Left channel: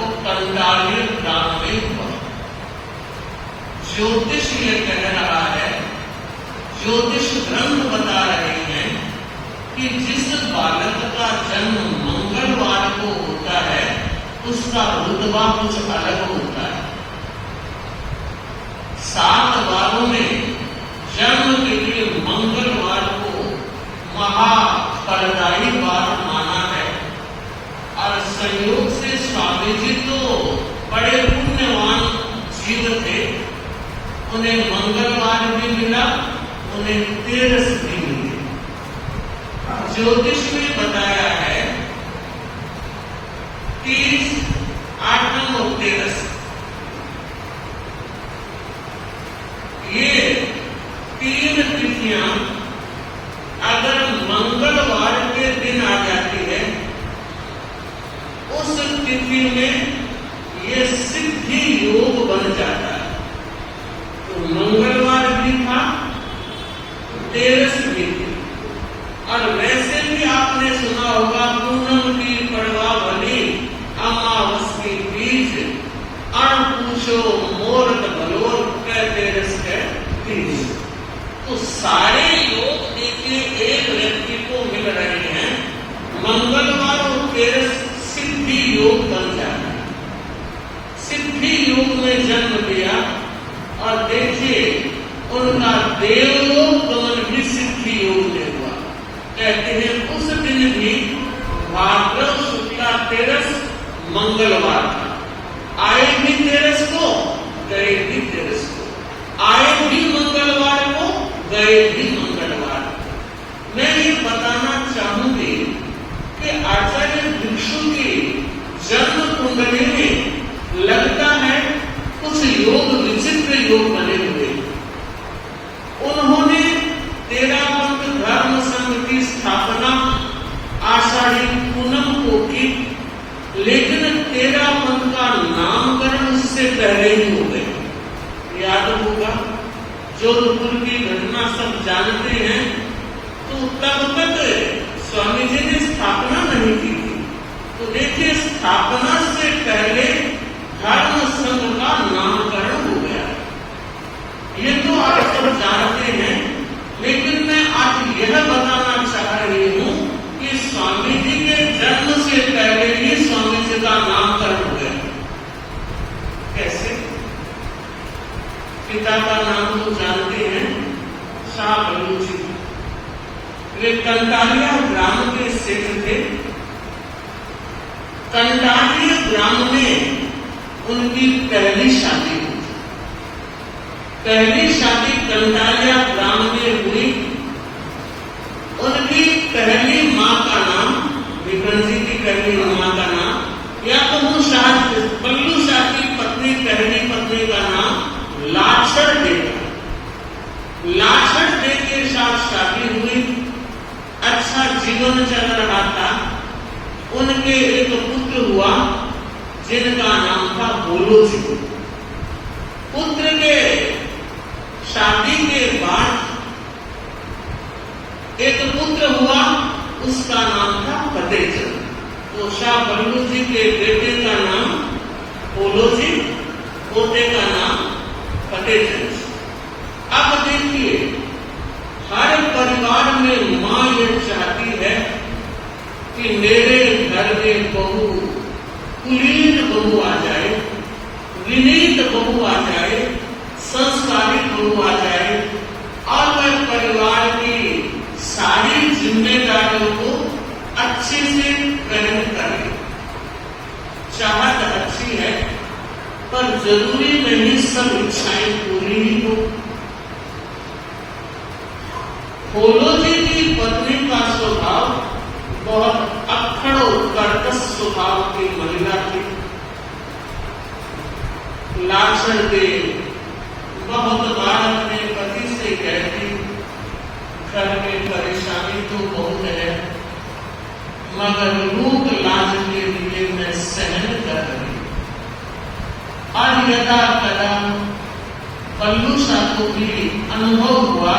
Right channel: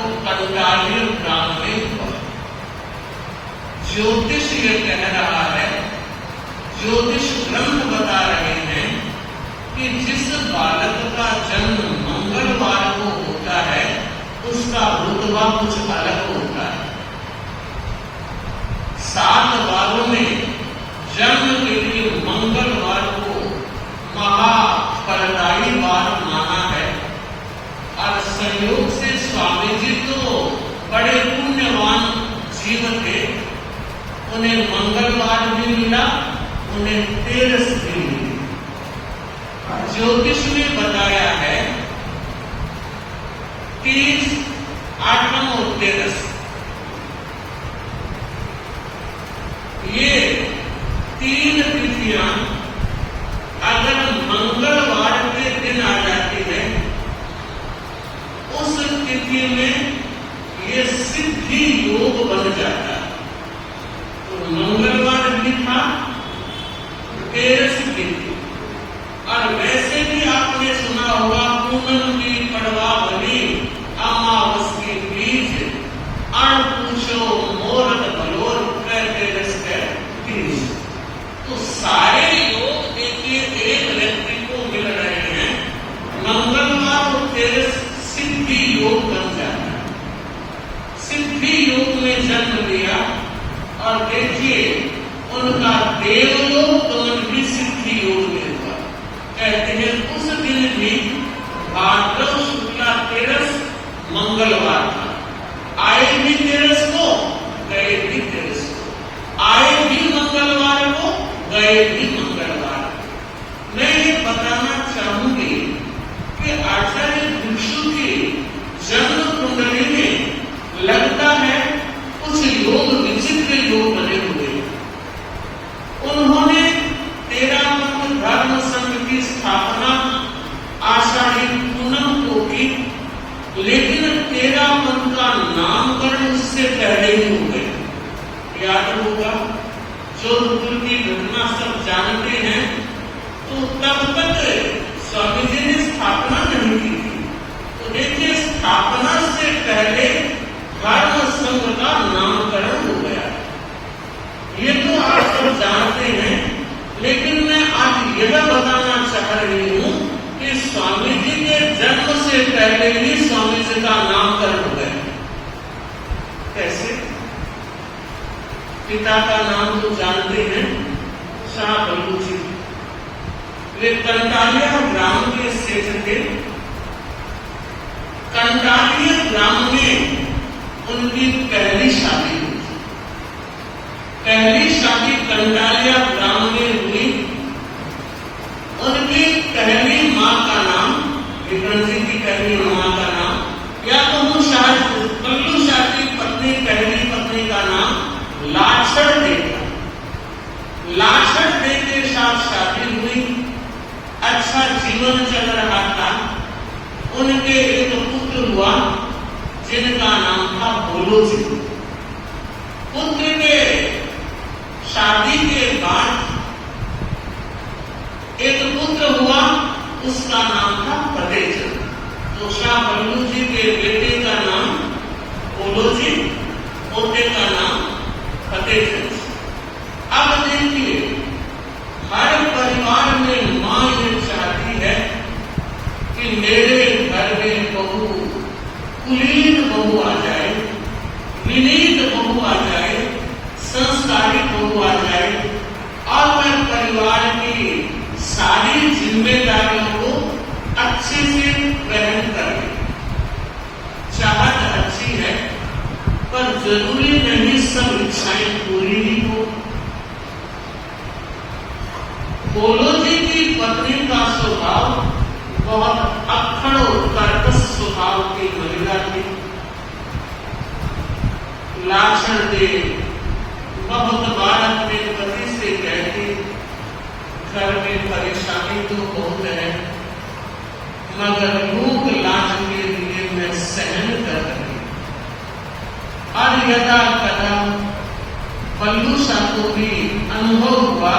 तो कंटाली ब्राह्मणे हुआ। ज्योतिष ये कह रहा है, ज्योतिष ग्रंथ बता रहे हैं कि जिस बालक का जन्म मंगलवार को होता है उसका रुतबा कुछ अलग होता है। 7 वारों में जन्म के लिए मंगलवार को महाफलदायी वार माना है। और संयोग से स्वामी जी तो बड़े पुण्यवान जीव थे, उन्हें मंगलवार भी मिला, उन्हें तेरस भी मिली। ज्योतिष में बताया है कि 8 और 13 ये 3 तिथियां अगर मंगलवार के दिन आ जाती है, उस तिथि में ये सिद्धि योग बन जाता है। तो मंगलवार भी था, 13 भी थी। और वैसे भी आपने सुना होगा, पूनम की पड़वा बनी अमावस की बीज, अण पूछो मोरत बलोर 13 के बीज। तो सारे योग देखिए एक व्यक्ति को मिल रहे हैं। मंगलवार और 13 सिद्धि योग बन जाता है। सिद्धि योग में जन्म लिया और देखिए उनका देवलोक गमन भी सिद्धि योग में हुआ। कहते हैं उस दिन भी भाद्रव शुक्ला 13 मंगलवार था। आए भी 13 को, गए भी 13 को। आए भी मंगलवार को, गए भी मंगलवार। मैं ये बताना चाहूंगी कि आचार्य भिक्षु की जन्म कुंडली में लगता है कुछ योग, विचित्र योग बने हुए। उन्होंने 13 पंथ धर्म संघ की स्थापना आषाढ़ी पूनम को की, लेकिन 13 पंथ का नामकरण उससे पहले ही हो गया। याद होगा, जो कुल की घटना सब जानते हैं, तो तब तक स्वामी जी ने स्थापना नहीं की थी। तो देखिए स्थापना से पहले धर्म संघ का नामकरण हो गया। ये तो आप सब जानते हैं, लेकिन मैं आज यह बताना चाह रही हूं कि स्वामी जी के जन्म से पहले ही स्वामी जी का नामकरण हो गया। कैसे? पिता का नाम तो जानते हैं, शाह बल्लू जी। वे कंटालिया ग्राम के सेठ थे। कंटालिया ग्राम में उनकी पहली शादी हुई। पहली शादी कंटालिया ग्राम में हुई। उनकी पहली मां का नाम, विक्रम जी की पहली मां का नाम, या तो बल्लू शाह की पत्नी, पहली पत्नी का नाम लाक्षण दे था। लाक्षण दे के साथ शादी हुई। अच्छा जीवन चल रहा था। उनके एक पुत्र हुआ जिनका नाम था बोलो जी। पुत्र के शादी के बाद एक पुत्र हुआ, उसका नाम था फतेहचंद। तो शाह बल्लू जी के बेटे का नाम बोलो जी, पोते का नाम फतेहचंद। अब देखिए, हर परिवार में मां ये चाहती है कि मेरे घर में बहू, कुलीन बहू आ जाए, विनीत बहू आ जाए, संस्कारित बहू आ जाए, और मैं परिवार की सारी जिम्मेदारियों को अच्छे से ग्रहण करें। चाहत अच्छी है, पर जरूरी नहीं सब इच्छाएं पूरी ही हो। बोलो जी की पत्नी का स्वभाव बहुत अक्खड़ और कर्कश स्वभाव की महिला थी। लाक्षण दे बहुत बार अपने पति से कहती, घर में परेशानी तो बहुत है, मगर रूप लाज के लिए मैं सहन कर रही। और यथा कदा बल्लू शाह को भी अनुभव हुआ,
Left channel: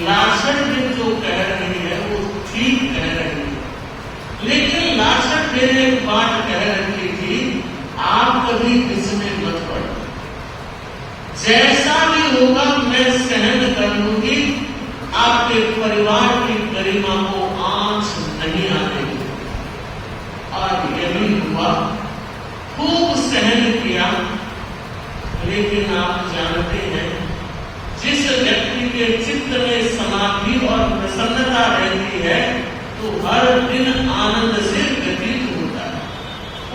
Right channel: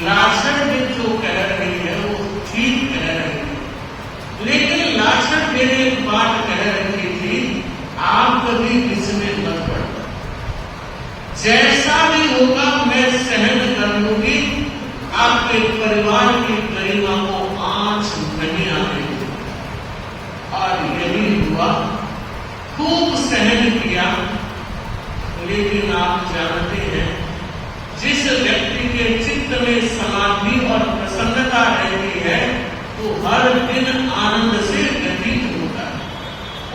लाक्षण दे जो कह रही है वो ठीक कह रही है। लेकिन लाक्षण दे एक बात कह रही थी कभी किसमें मत पड़ो, जैसा भी होगा मैं सहन कर लूंगी, आपके परिवार की गरिमा को आंच नहीं आने। और यही हुआ, खूब सहन किया। लेकिन आप जानते हैं, जिस व्यक्ति के चित्त में समाधि और प्रसन्नता रहती है तो हर दिन आनंद से व्यतीत होता है।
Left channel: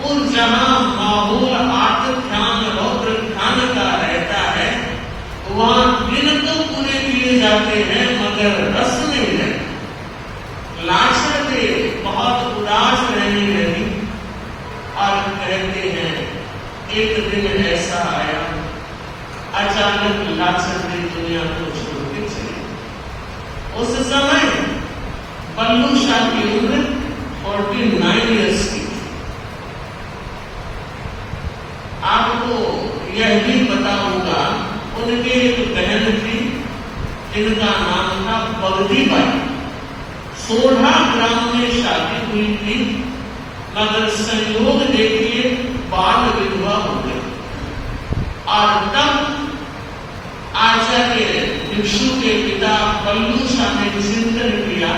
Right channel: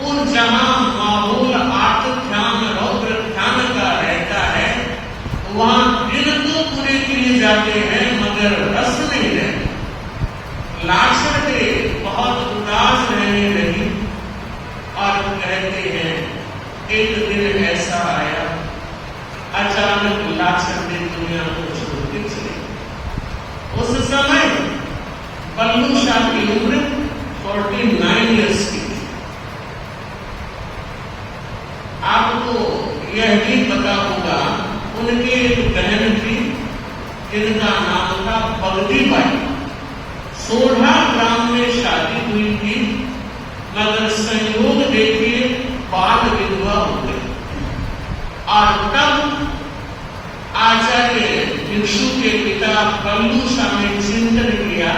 और जहां माहौल आत्मध्यान रौद्र ध्यान का रहता है, वहां दिन तो पूरे किए जाते हैं मगर रस नहीं रहता। लाशरते बहुत उदास रहने लगी और कहते हैं, एक दिन ऐसा आया, अचानक लाशरते दुनिया को छोड़ के चले। उस समय बल्लू शाह की उम्र 49 ईयर्स की। आपको यह भी पता होगा, उनके एक बहन थी जिनका नाम था बल्दी बाई। 16 ग्राम में शादी हुई थी, मगर संयोग देखिए बाल विधवा हो गई। और तब आचार्य भिक्षु के पिता बल्लू शाह ने चिंतन किया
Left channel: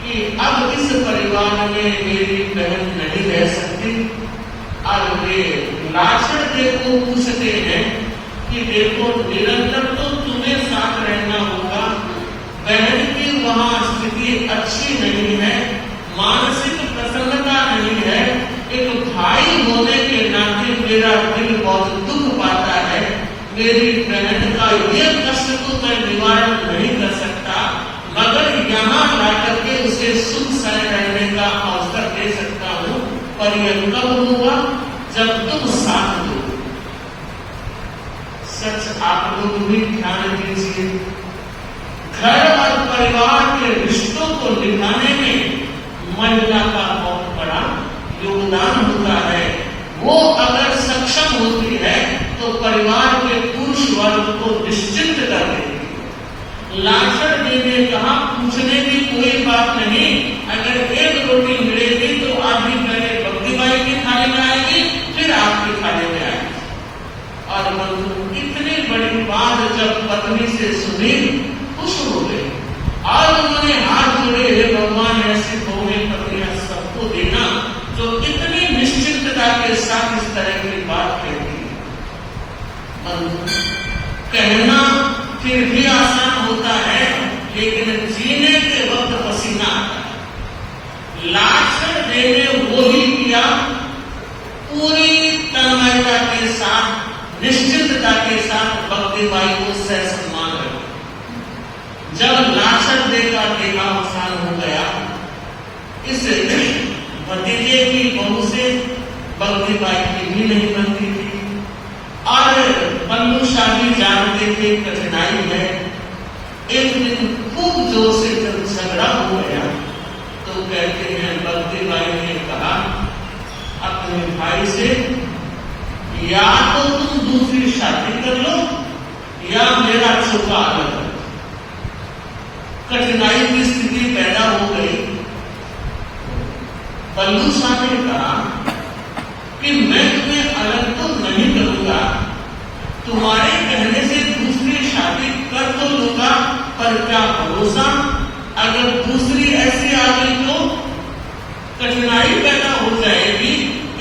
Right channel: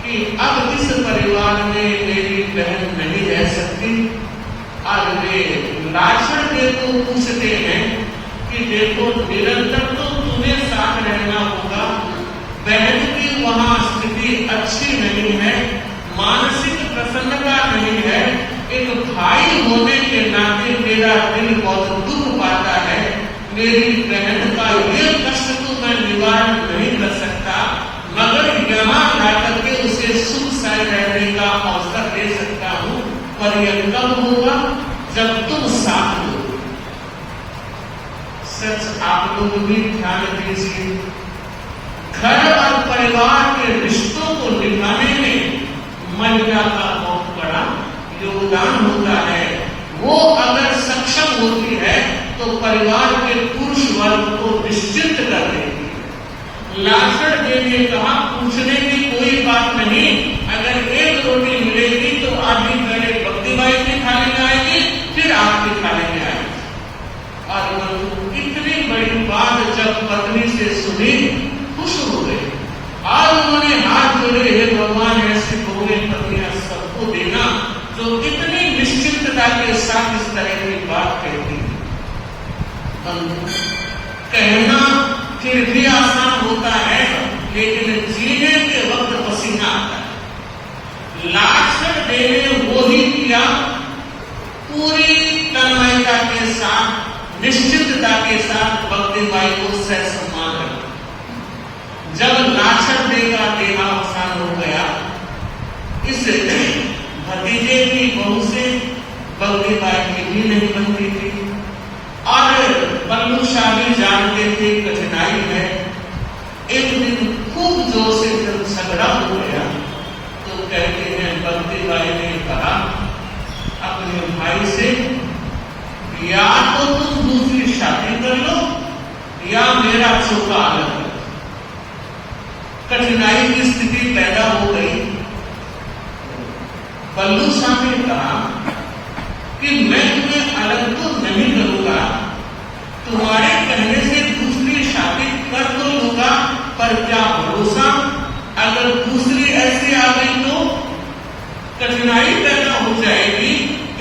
कि अब इस परिवार में मेरी बहन नहीं रह सकती। और वे लाशर देव को पूछते हैं कि देखो, निरंतर तो तुम्हें साथ रहना होगा, बहन की वहां स्थिति अच्छी नहीं है, मानसिक प्रसन्नता नहीं है, एक भाई होने के नाते मेरा दिल बहुत दुख पाता है, मेरी बहन का ये कष्ट तो मैं निवारण नहीं कर सकता, मगर यहाँ आकर के उसे सुख से रहने का अवसर दे सकता हूँ। पर यह तब हुआ जब तुम साथ हो। सच आप लोग भी ध्यान दीजिए, घर और परिवार के रिश्तों को निभाने में महिला का बहुत बड़ा योगदान होता है। वो अगर सक्षम होती है तो परिवार के पुरुष वर्ग को निश्चिंत कर देती है। लाशर देने कहा, पूछने की कोई बात नहीं, अगर एक रोटी मिलेगी तो आधी पहले बकरी बाई की थाली में आएगी, फिर आपकी थाली में आएगी। और इतनी बड़ी बात जब पत्नी से सुनी, खुश हो गए और उन्होंने हाथ जोड़े, हे भगवान, ऐसी बहुएं पत्नियां सबको देना जो इतनी निश्चितता के साथ इस तरह की बात कहती है। कहना फिर भी आसान होता है, लेकिन जीने के वक्त पसीना आता है। लाशर देने वो ही किया, पूरी तन्मयता के साथ, निश्चितता के साथ भक्ति बाई को सह सम्मान है। जब लाशर दे का देहावसान हो गया, इस भतीजे की बहू से बल्दी बाई की भी नहीं बनती थी। और बल्लू शाह भी जानते थे कठिनाई है। एक दिन खूब जोर से जब झगड़ा हो गया तो कहते हैं, बल्दी बाई ने कहा अपने भाई से, या तो तुम दूसरी शादी कर लो या मेरा चोपा अलग कर। कठिनाई की स्थिति पैदा हो गई। बल्लू शाह ने कहा कि मैं तुम्हें अलग तो नहीं करूंगा, तुम्हारे कहने से दूसरी शादी कर तो लूंगा, पर क्या भरोसा, अगर दूसरी ऐसी आ गई तो कठिनाई पैदा हो जाएगी।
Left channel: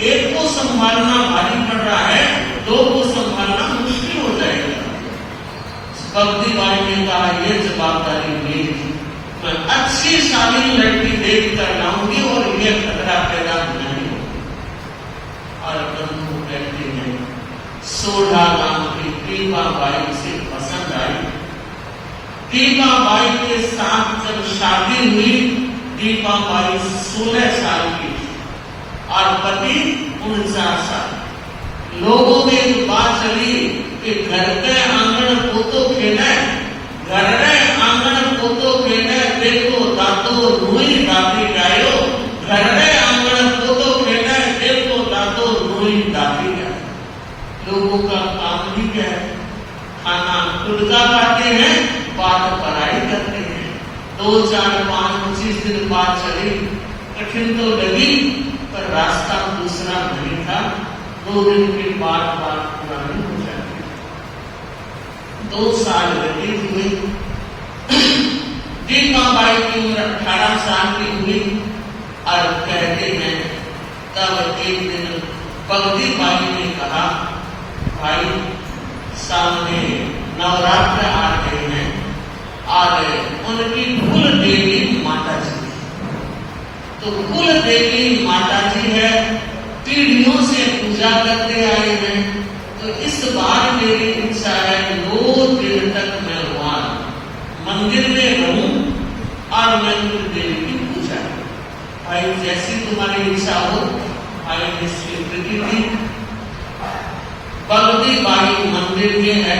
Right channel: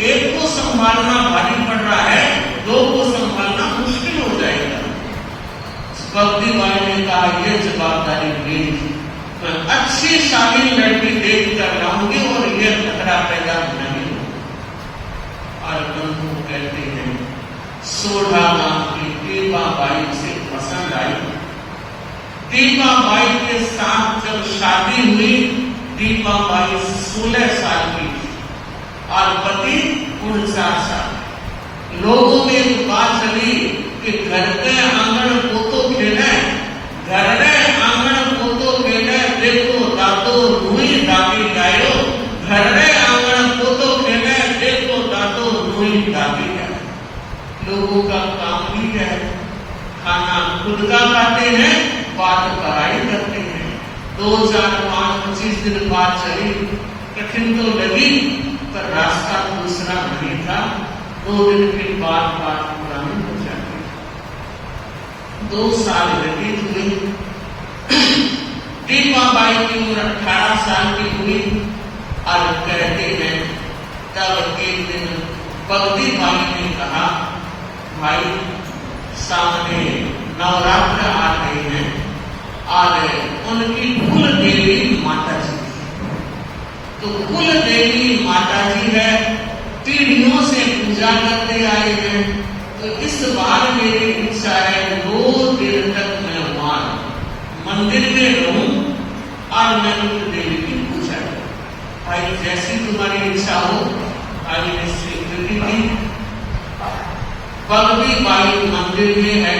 एक को संभालना भारी पड़ रहा है, दो को संभालना मुश्किल हो जाएगा। बल्दी बाई ने कहा, यह जवाबदारी मेरी, मैं अच्छी शादी लड़की देख कर लाऊंगी और यह खतरा पैदा नहीं होगा। और बंधु कहते हैं, 16 लाख की टीका बाई से पसंद आई। टीका बाई के साथ जब शादी हुई, टीका बाई 16 साल की थी और पति 49 साल। लोगों ने बात चली कि घर के आंगन को तो खेले, घर के आंगन को तो खेले, देखो दादो रुई डाली गायो, घर के आंगन को तो खेले, देखो दादो रुई डाली गायो। लोगों का काम भी है, खाना खुद का खाते हैं, बात पढ़ाई करते हैं। 2, 4, 5, 25 दिन बात चली, कठिन तो लगी, पर रास्ता दूसरा नहीं था। 2 दिन की बात पुरानी हो जाती। 2 साल व्यतीत हुए। दीपाबाई की उम्र 18 साल की हुई और कहते हैं तब एक दिन बगदी बाई ने कहा, भाई सामने नवरात्र आ रहे हैं और उनकी कुल देवी माता जी, तो कुल देवी माता जी है, पीढ़ियों से पूजा करते आए हैं, तो इस बार मेरी इच्छा है 9 दिन तक मैं वहां मंदिर में रहूं और मैं उन देवी की पूजा करूं। भाई जैसी तुम्हारी इच्छा हो, भाई ने स्वीकृति दी। बगदी बाई मंदिर में है।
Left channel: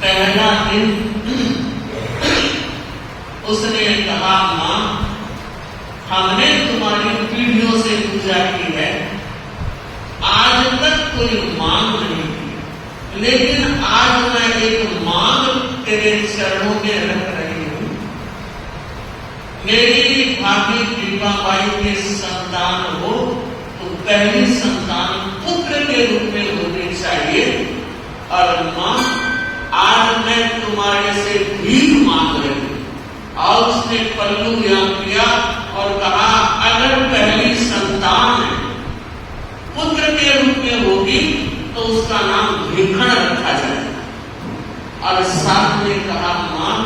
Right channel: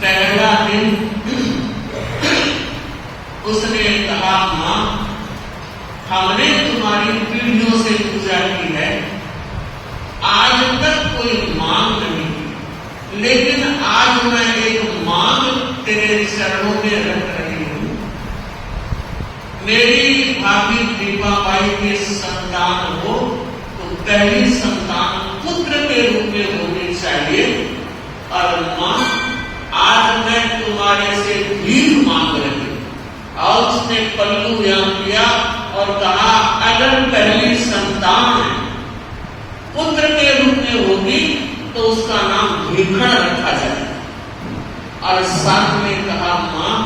पहला दिन उसने कहा, मां हमने तुम्हारी पीढ़ियों से पूजा की है, आज तक कोई मांग नहीं की, लेकिन आज मैं एक मांग तेरे चरणों में रख रही हूं। मेरी भाभी दीपाबाई के संतान हो तो पहली संतान पुत्र के रूप में होनी चाहिए, और मां आज मैं तुम्हारे से भीख मांग रही हूं। और उसने पल्लू याद किया और कहा, अगर पहली संतान पुत्र के रूप में होगी तो उसका नाम भीखण रखा जाए। और साथ में कहा, मां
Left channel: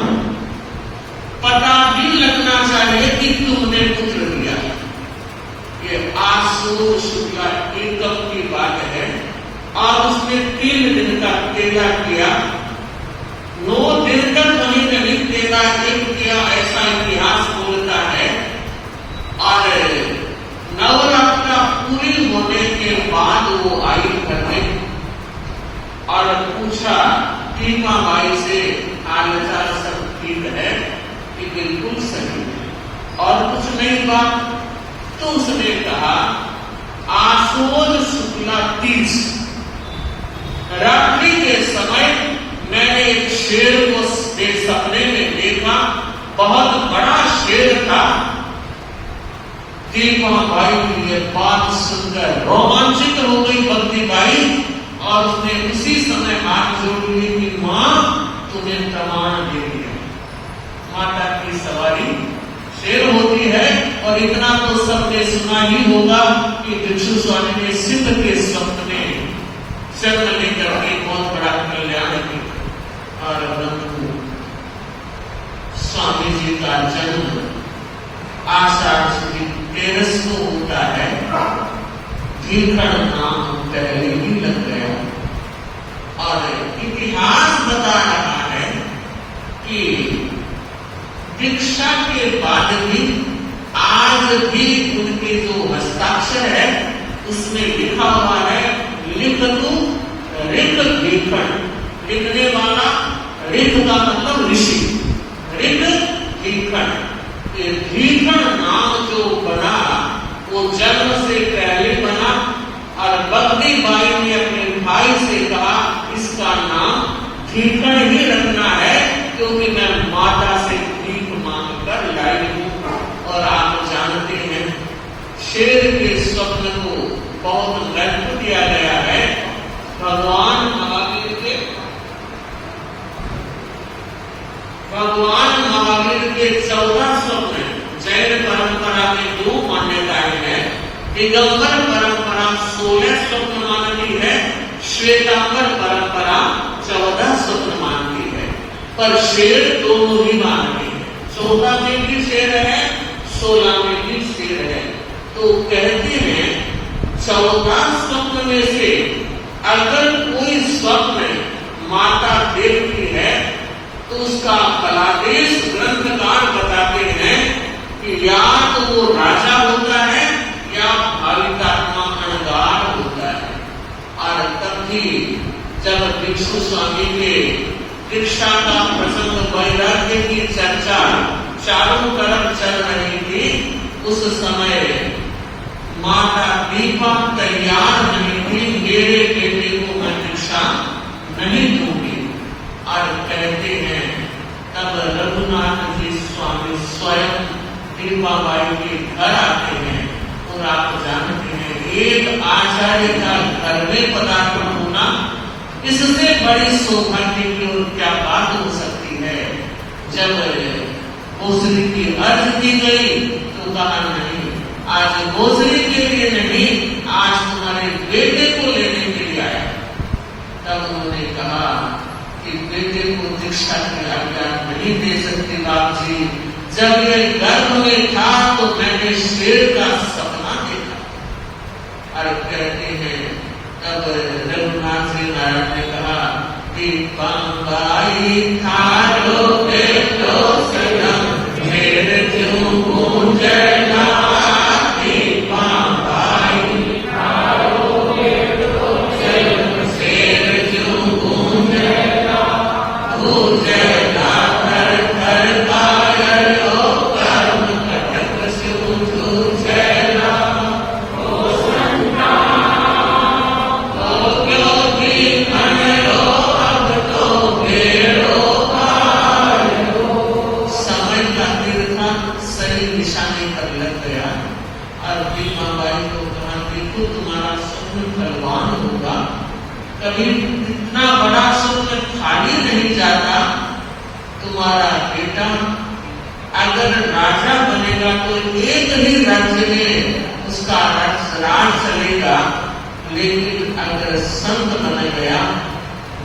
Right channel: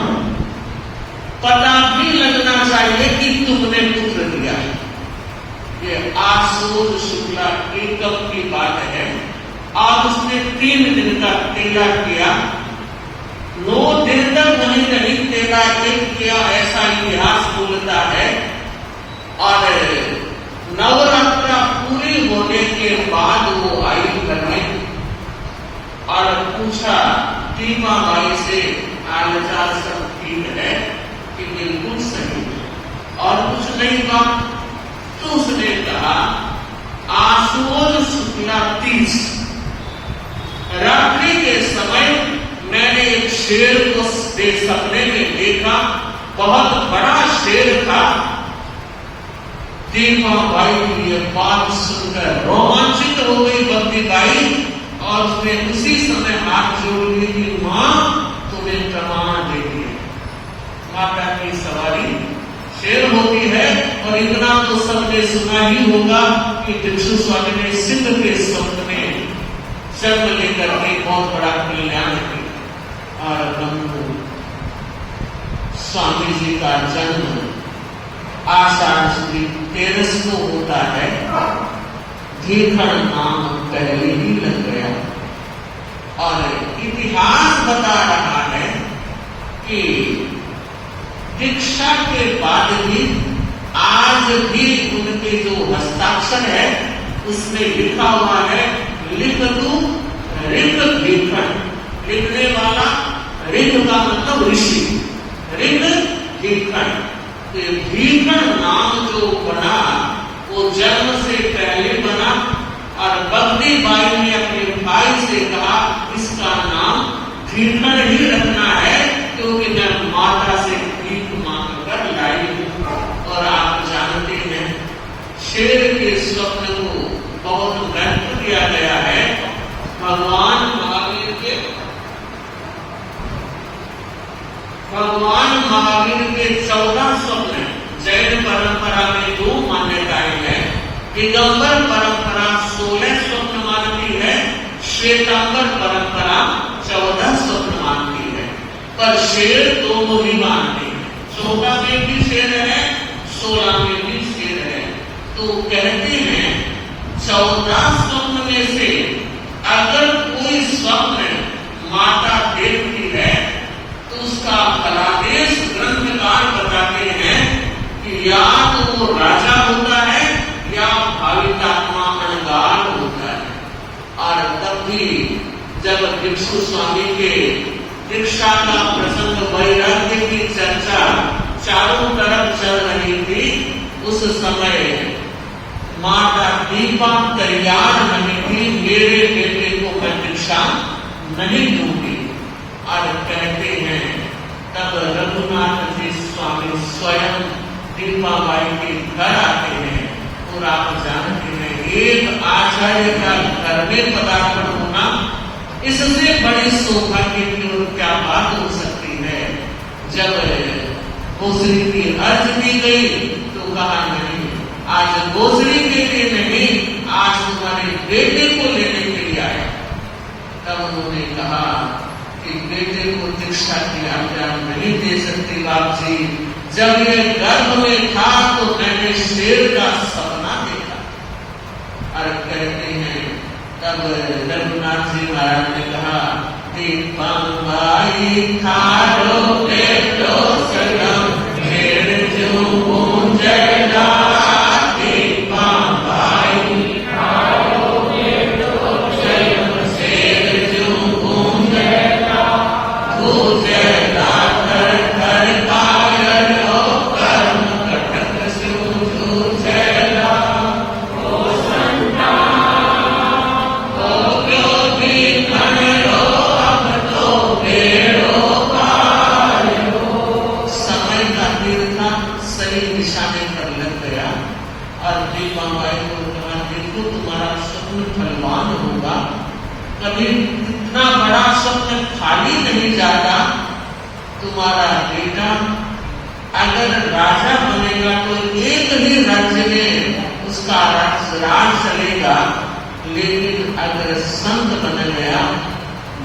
पता भी लगना चाहिए कि तुमने पुत्र दिया। ये आसुर शुक्ला एकम की बात है। और उसने 3 दिन का तेला किया। 9 दिन तक कहीं कहीं तेला एक किया, ऐसा इतिहास बोलता है। और नवरात्रा पूरी होने के बाद वो आई घर में और पूछा दीपाबाई से, हालचाल सब ठीक है कि बिल्कुल सही है और कुछ नहीं हुआ? तो उसने कहा, आसोज शुक्ला तीज रात्रि के समय मैंने एक शेर को एक सपने में देखा, बहुत बड़ा शेर था। दीपाबाई की ये बात सुनकर रोमांचित हो गई बगदी बाई और उसने उसी समय हाथ जोड़ ली कि मां तुम्हें प्रमाण दे दिया। माता की सवारी शेर होती है। और इतना तो सबने सुना ही होगा कि भिक्षु स्वामी ने सिद्ध के सपने जन्म लेकर के बहुत बड़ा कल्याण किया और बंधु स्वामी जी का जन्म आषाढ़ शुक्ल 13 को होता है। भीखण नाम पहले ही लग गया और इतिहास बता रहा है कि दीक्षा के बाद भी आज भी उनके जो हस्ताक्षर है उसमें लिखा हुआ है, लिख तू ऋग भीखण। लिखने वाला ऋग का मतलब ऋषि, ऋग भीखण। भीखण नाम जो बना वो जन्म से पहले बना और बगदी बाई ने अपने भाई से कहा, इसका नाम भीखण ही रखना है क्योंकि मैं माता से भीख मांग कर लाई हूं। और आप जानते हैं शेर के स्वप्न को बहुत महत्व दिया गया है। भगवान महावीर के 14 स्वप्न जैन परंपरा में 2 मान्यताएं हैं। दिगंबर परंपरा 16 स्वप्न मानती है, श्वेतांबर परंपरा 14 स्वप्न मानती है, पर शेर 2 ही मानते हैं। 14 में भी शेर है, 16 में भी शेर है। तो कहते हैं 14 स्वप्न में से अगर कोई स्वप्न माता देखती है तो उसका कलादेश ग्रंथकार बताते हैं कि या तो वो राजा होता है या भावितात्मा अनगार होता है। और तब भी जब भिक्षु स्वामी के दीक्षा का प्रसंग वैराग्य की चर्चा चारों तरफ चल रही थी, उस समय माता दीपा तैयार नहीं थी, मेरे बेटे को मैं दीक्षा नहीं दूंगी। और कहते हैं तब रघुनाथ जी स्वामी स्वयं दीपाबाई के घर आते हैं और आप जानते हैं एक आचार्य का घर में पदार्पण होना, इससे बड़ी सौभाग्य की और क्या बात हो सकती है। जब गोसरी की अर्ज की गई तो कहा नहीं, आज गोसरी के लिए नहीं, आज तुम्हारे बेटे को लेने के लिए आया। तब उन्होंने कहा कि बेटे को दीक्षा की आज्ञा नहीं दे सकती बाप जी, जब ये गर्भ में था तो मैंने शेर का सपना देखा। और कहते हैं तब रघुनाथ जी महाराज ने कहा, दीपांबाई थारो बेटो सजम मेरे जो जला, दीपांबाई थारो बेटो सजम मेरे जो जला, जला कर करता कभी इतना बड़ा स्वप्न खाली नहीं जाता। तुम्हारा बेटा अगर राजा बनेगा तो एक ही राज्य में उसका राज चलेगा, लेकिन अगर संत बन गया,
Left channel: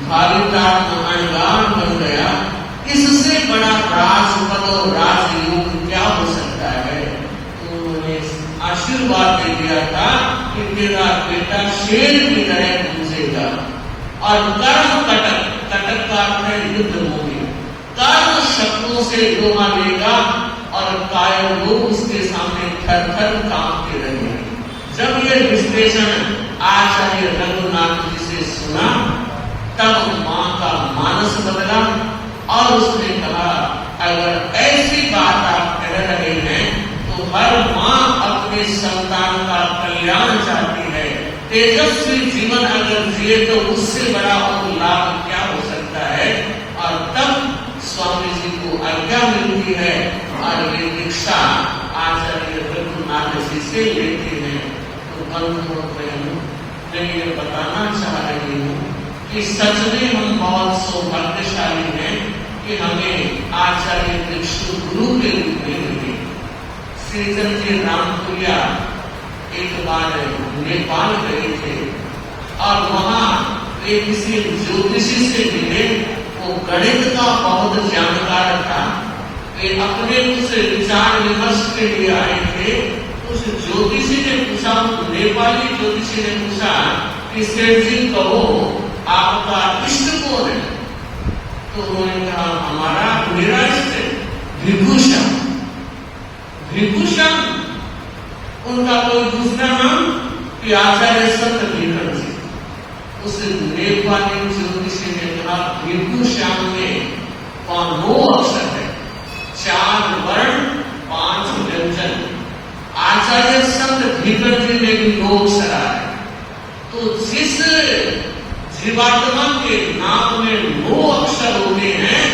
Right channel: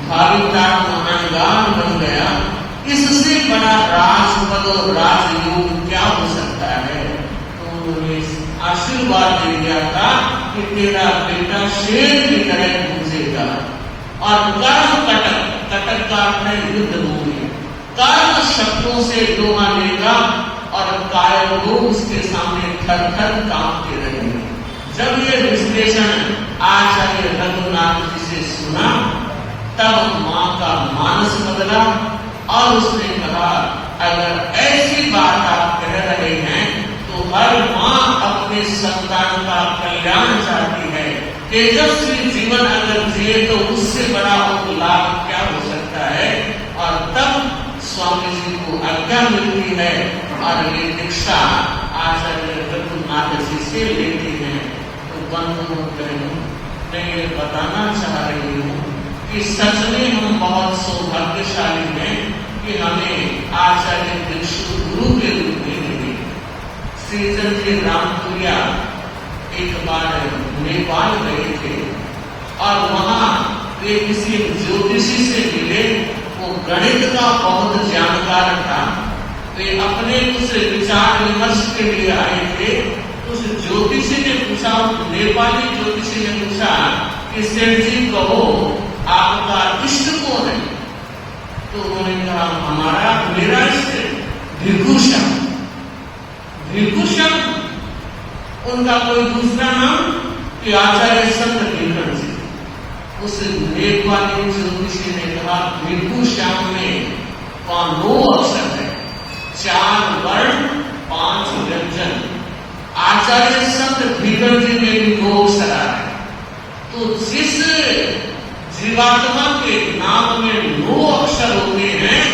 भाविका महानगाम बन गया, इससे बड़ा राजपद और राजयोग क्या हो सकता है। तो उन्होंने आशीर्वाद दे दिया था कि तेरा बेटा शेर की तरह पूजेगा और कर्म कटक, कटक का अर्थ युद्ध भूमि, कर्म शब्दों से लोहा लेगा और काय वो उसके सामने थर थर कांपते रहेंगे। जब ये विश्लेषण आचार्य रघुनाथ जी से सुना, तब मां का मानस बदला और उसने कहा, अगर ऐसी बात आप कह रहे हैं तो हर मां अपने संतान का कल्याण चाहती है। तेजस्वी जीवन अगर जिए तो उससे बड़ा लाभ क्या हो सकता है। और तब स्वामी जी को आज्ञा मिलती है और ये दीक्षा आचार्य रघुनाथ जी से लेते हैं। तो मैं ये बताना चाह रही हूँ कि सच में हम बहुत सौभाग्यशाली हैं कि हमें आचार्य दीक्षु गुरु के रूप में मिले। श्रीचंद जी रामपुरिया एक बार नेपाल गए थे और वहां वे किसी ज्योतिषी से मिले। वो गणित का बहुत जानकार था। वे अपने कुछ विचार विमर्श के लिए आए थे। उस ज्योतिषी ने पूछा, नेपाली ज्योतिषी ने पूछा कि सेठ जी कहो आपका इष्ट कौन है। तो उन्होंने कहा, हमारा मेरा इष्ट विभूषण। विभूषण उनका कोई दूसरा नाम कि आचार्य संत नीलकंठ जी। उस नेपाली ज्योतिषी ने कहा, विभूषण में 2 अक्षर है, 4 वर्ण 5 व्यंजन। आचार्य संत नीलकंठ जी में भी 2 अक्षर है। तो जिस जीवात्मा के नाम में 2 अक्षर होते हैं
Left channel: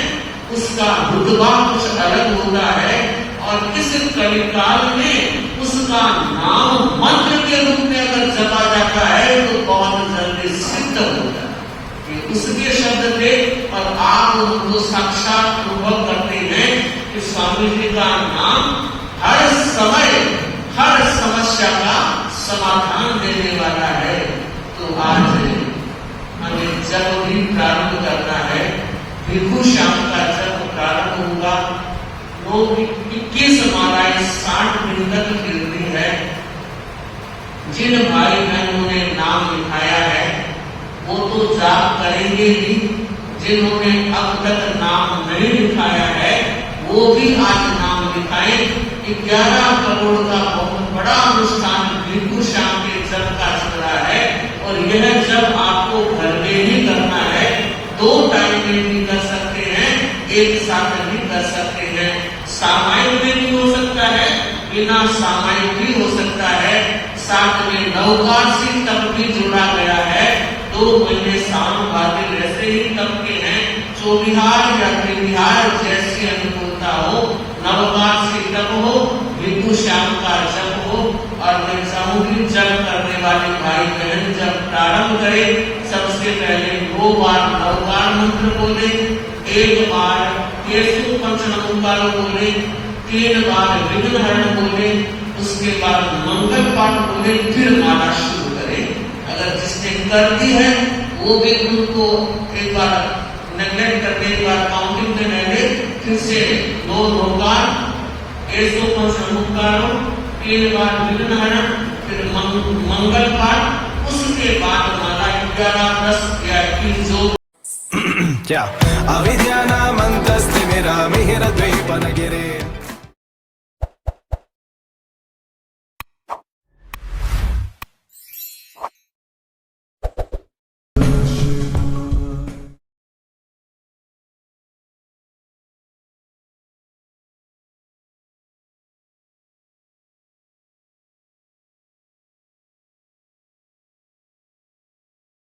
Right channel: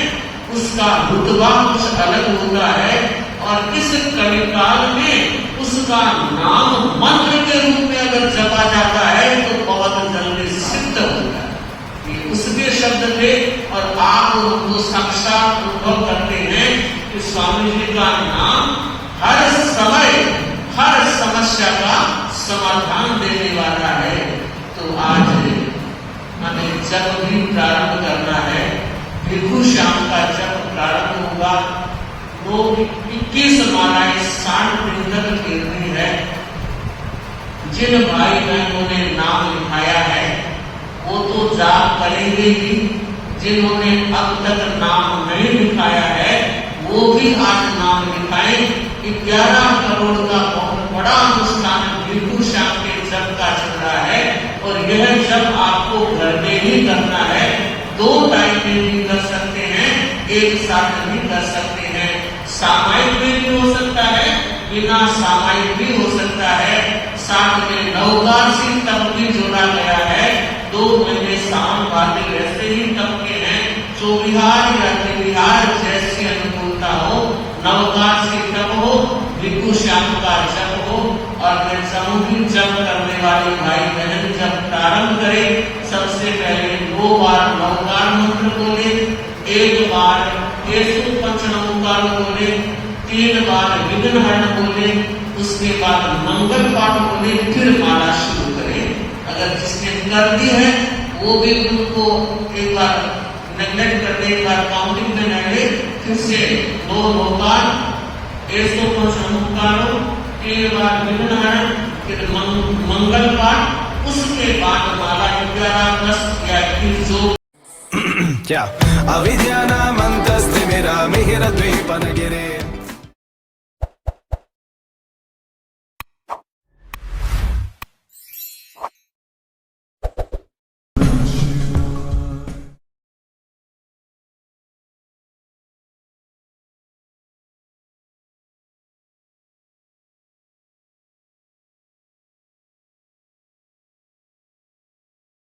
उसका रुतबा कुछ अलग होता है। और इस कलिकाल में उसका नाम मंत्र के रूप में अगर जपा जाता है तो बहुत जल्दी सिद्ध होता है। ये उसके शब्द थे और आप उनको साक्षात अनुभव करते हैं कि स्वामी जी का नाम हर समय हर समस्या का समाधान देने वाला है। तो आज हमें जब भी प्रारंभ करना है, विभूषण का जब प्रारंभ होगा, लोग 21 मालाएं 60 दिन तक गिरती है। जिन भाई बहनों ने नाम लिखाया है वो तो जाप करेंगे ही, जिन्होंने अब तक नाम नहीं लिखाया है वो भी आज नाम लिखाए। 11 करोड़ का बहुत बड़ा अनुष्ठान विभूषण के जप का चल रहा है। और यह जब आपको घर में ही करना है, 2 टाइम में भी कर सकते हैं, एक साथ भी कर सकते हैं। सामायिक में भी हो सकता है, बिना सामायिक भी हो सकता है। साथ में नववासी तब भी जोड़ा गया है। 2 महीने सावन वाले वैसे ही तब के हैं, चौबिहार या त्रिविहार जैसे अनुकूलता हो, नववासी जब हो, विभूषण का जब हो। और मैं चाहूंगी जब करने वाले भाई बहन जब प्रारंभ करें सबसे पहले 2 बार नवकार मंत्र बोले, 1 बार केशव पंचनमोकार बोले, 3 बार विघ्नहरण बोले, उसके बाद मंगल पाठ बोले, फिर माला शुरू करें। अगर जिसने कर दी है वो भी उनको एक बार नेगलेक्ट करने के बाद काउंटिंग में पहले फिर से 2 नवकार केशव पंचनमोकार, 3 बार विघ्नहरण, फिर मंगल पाठ, उसके बाद माला 11 10 या 300 क्या अविद्यानामन्तस्तिमिरमिहिरद्वीपनगिरे